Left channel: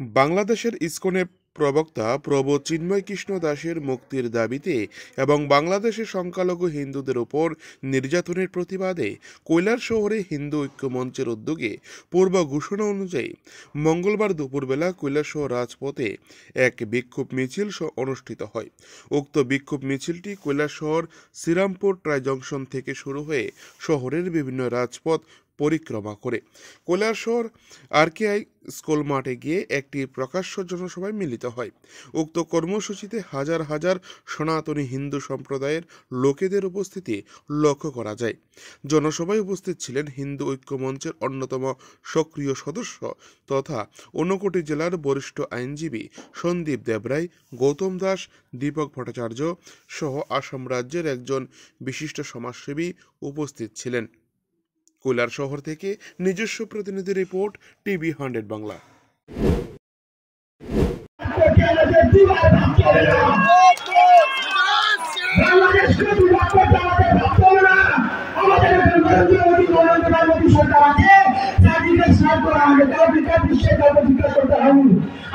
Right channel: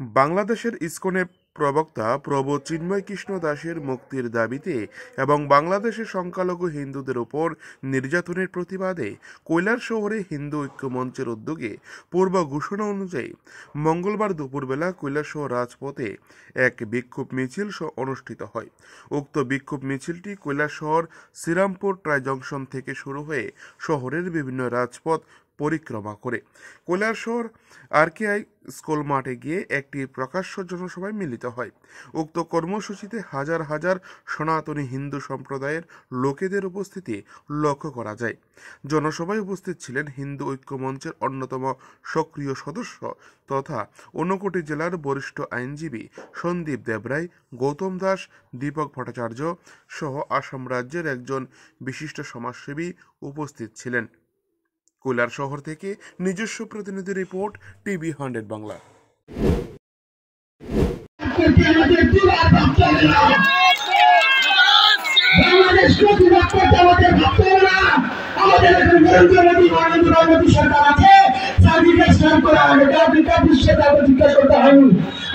বাংলাদেশের ইসকনের প্রবক্তা প্রভু চিন্ময় কৃষ্ণ দাসের মুক্তির দাবিতে এবং বাংলাদেশে সংখ্যালঘু হিন্দুদের উপর নির্যাতনের প্রতিবাদে কৈলাসহরে হিন্দু ঐক্য মঞ্চের উদ্যোগে পূর্ব ঘোষণা অনুযায়ী মঙ্গলবার দুপুরবেলা কৈলাসহর রাজপথে এক বিক্ষোভ মিছিল অনুষ্ঠিত হয়। উক্ত বিক্ষোভ মিছিলটি কৈলাসহর শ্রীরামপুর ট্রাই জংশন থেকে শুরু হয়ে শহরের বিভিন্ন রাজপথ পরিক্রমা করে কৈলাসহর আরকেআই স্কুল মাঠে গিয়ে একটি প্রকাশ্য জনসভায় মিলিত হয়। উক্ত কর্মসূচিতে হাজার হাজার সনাতনী হিন্দু সম্প্রদায়ের লোকেদের উপস্থিতি লক্ষ্য করা যায়। জনসভায় উপস্থিত ছিলেন হিন্দু ঐক্য মঞ্চের অন্যতম সক্রিয় সদস্য তথা ঊনকোটি জেলার বরিষ্ঠ আইনজীবী সন্দীপ দেবরায়, গৌতম দাস, দীপক ভট্টাচার্য সহ আসাম রাজ্যের একজন বিশিষ্ট সমাজসেবী উপস্থিত ছিলেন। কৈলাসহর থেকে নিজস্ব প্রতিনিধি রিপোর্ট, টিভি 100 বাংলা।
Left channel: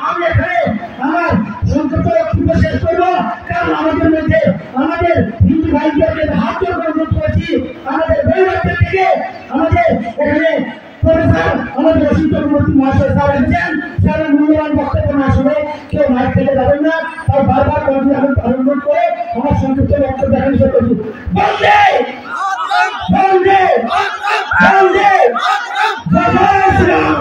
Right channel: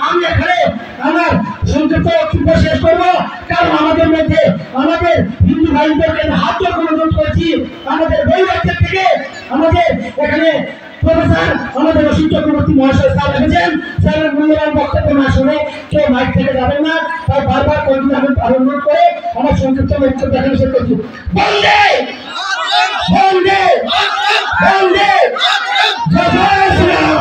আমি এখানে আমার সংক্ষিপ্ত বক্তব্য শেষ করবো, কারণ আমাদের মধ্যে আমাদের হিন্দু ভাইদেরকে হাত জোর করে অনুরোধ করেছি, আমাদের বৈবাহিকদের থেকে আমাদের এখানে প্রফেসর আমাদের অসীম চক্রবর্তী মহাশয় স্যার এসেছেন। স্যারের মূল্যবান বক্তব্য না শুনে কেউ মাইক থেকে যাবেন না, তাই বারবার অনুরোধ করে আমার সংক্ষিপ্ত বক্তব্য এখানে শেষ করছি। বন্দে বন্দে বন্দে জয় শ্রীরাম।